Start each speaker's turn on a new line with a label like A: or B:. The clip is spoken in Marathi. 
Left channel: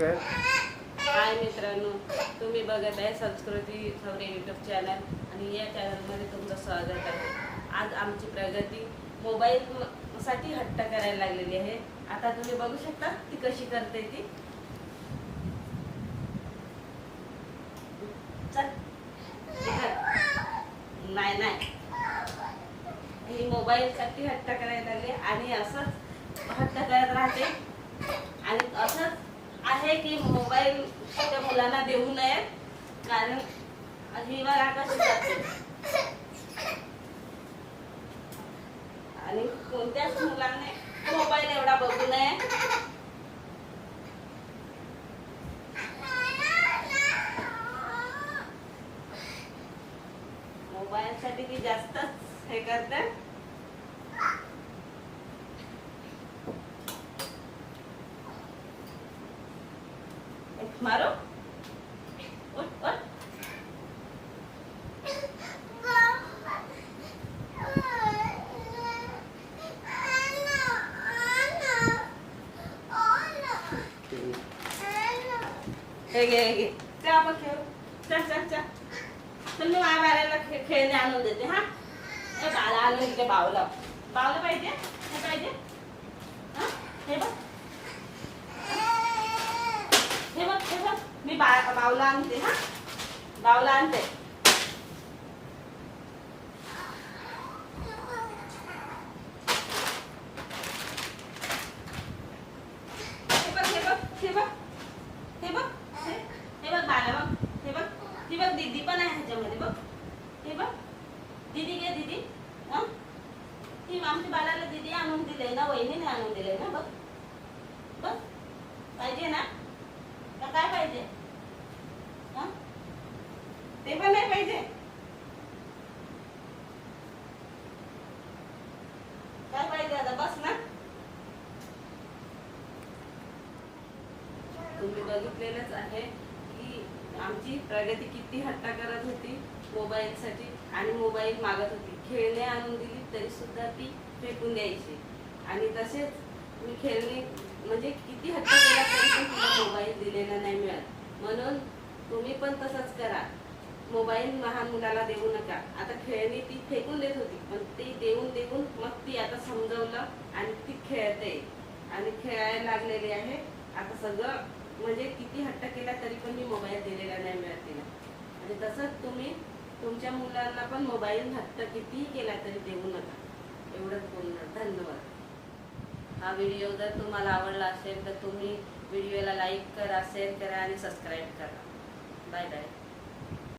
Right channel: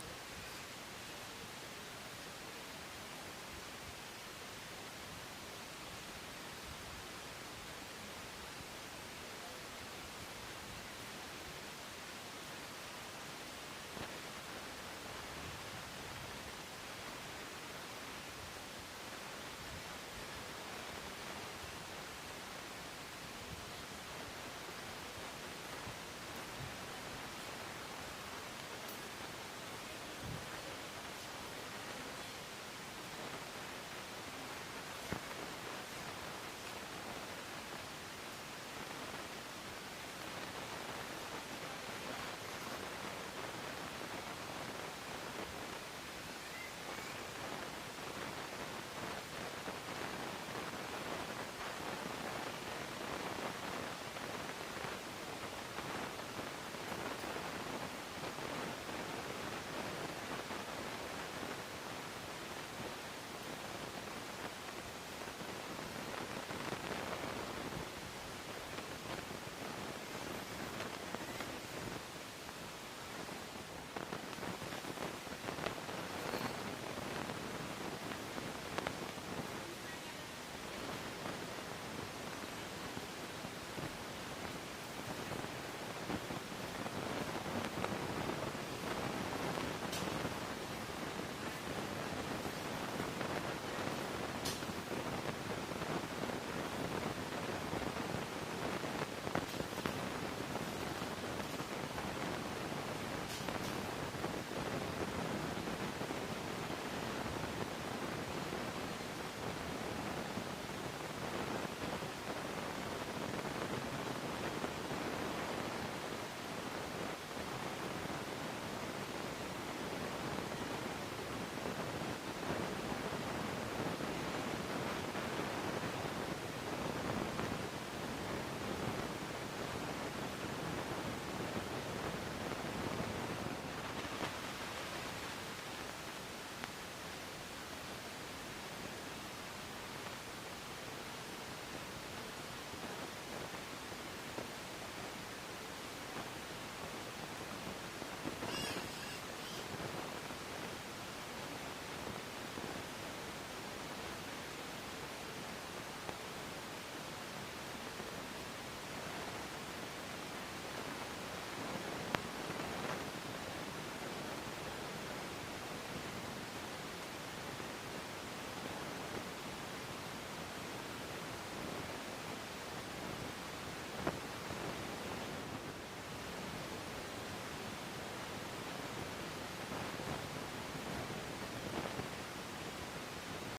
A: हाय मित्रांनो तुम्ही बघत आहे संस्कृती खबरे युट्यूब चॅनल आणि या चॅनलमध्ये तुमचं स्वागत आहे. आज आमची प्रगती मोबाईल साठी हट्ट करायला लागलेली आहे. आता तुम्ही बघू शकता ती कशी करते ती. नाही नाही. ही मोबाईलसाठी हट्ट करायला लागली आणि असंच हट्ट करत राहते आणि असंच आहे की मोबाईल त्या मुलांना देऊ नये कारण विवाह आकाश आणि कोणत्याच मुलाने मोबाईल एवढा बघू नये. मोबाईलसाठी ती जास्त हे करते. हे घे हे घे चल आपण खेळू चल चल चल चल मी माझ्या बाळाला खे- खेळणे आणून देते हा ए बाळा आणून इथे बावलं बावलं पाहिजे हे पाहिजे हा? हे बघ हे बघ हे बघ मी बा बावला आणते हा बावला आणते हे बघ हे बघ हे बघ हे बघ हे हे बघ बाळा बघ हे बघ हे बघ दीदी पण आहे ह्याच्यामध्ये बघ हे बघ दीदी घे दीदी हा ती आमच्या बाळाला दीदी आणून दिलंय ना वहिनीने आणून दिलंय ना बघ बघ पाहिजे ना का काय पाहिजे हा? ते पण नाही पाहिजे काय पाहिजे आता बस ना तुम्ही बघितलेलंच आहे की आमची प्रगती किती हट्टा करत होती मोबाईलसाठी आणि मोबाईल मागत होती. खेळणे आणून दिली तरी सुद्धा ती फेकून द्यायची. आणि तसेच मी खेळणे म्हणजे किती हट्टा केला तरी पण तुला मोबाईल दिलेला नाही मिळत. म्हणून तुम्ही पण तसंच करा. मोबाईल लहान मुलाला देऊ नका. आता खेळणी ती फेकून देत होती पण ती देऊन देऊन मग ती आता समजवलं आणि ती खेळते. आणि खेळायला लागलेली आहे. आता सगळं म्हणजे किती हट्ट केला तरी पण मी मोबाईल दिलेला नाही मिळत आणि तसंच तुम्ही तुमच्या मुलांना पण मोबाईल हट्ट किती केला तरी देऊ नका. एवढंच बोलणार धन्यवाद. हा व्हिडिओ जर तुम्हाला आवडला असेल तर तुम्ही व्हिडिओला लाईक करा शेअर करा आणि सबस्क्राईब